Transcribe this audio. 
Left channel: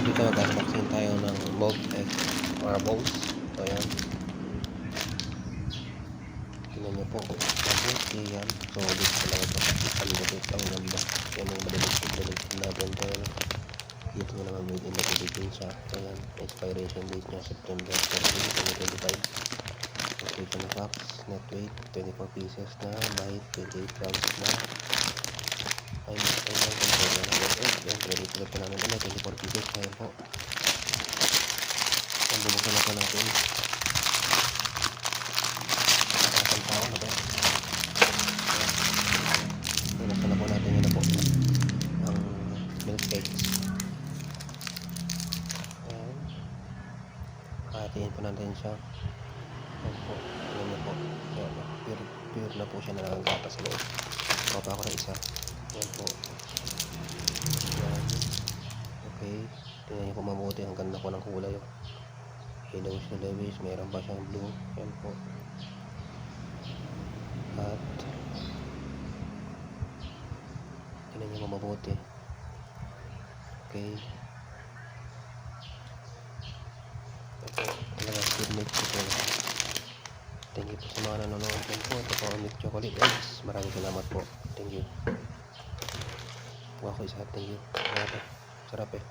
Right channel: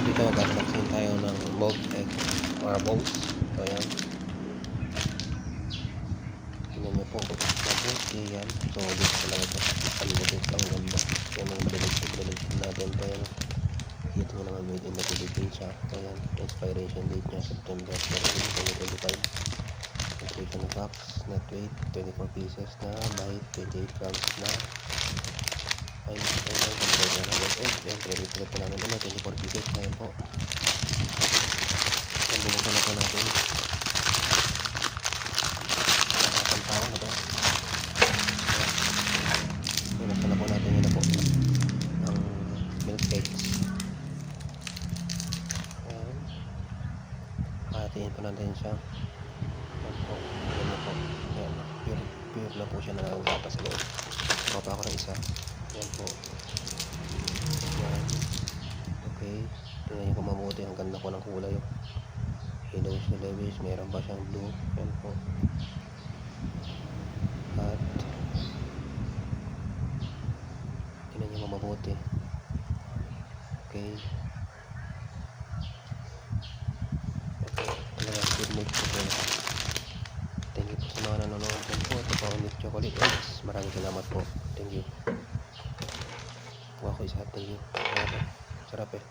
Dito mag-unboxing tayo ng Bolt X marbles. So yan, tingnan nyo po, mabuti yan. So dito talaga po, ang butit, ang ganda. Yan ang balilig natin. Pero dito nga naman made in the Philippines siya. So yan, expiration date niya September 2025. Nutrition facts, net weight 24 pieces na by 28 grams na. Ay, control na ng egg. Yan, credit ulit po namin na 24 pieces. Ayan po. Yan, bubuksan na po natin. Nakakang tao na ba? Bubuksan na po natin yun na po. Ang milk cakes. Ayan. Hatiin po natin siya. Ayan po. Ayan na po. Ayan. Pure na po siya na nakagatas sa loob. Kuha pa ako ng isa. Ayan po. Ayan. Okay. Tingnan nyo po mabuti. Ang ganda po ng kulay. Oh. Hello sa Lewis. Meron pa siyang blue. Ayan po. At tingnan nyo po mabuti. Okay. Ito. Talagang good milk chocolate. Thank you po sa mga nanonood dyan po. Ito po ang milk chocolate eggs. Maraming salamat po. Thank you. Kuha ko isa. Thank you. Sarap eh.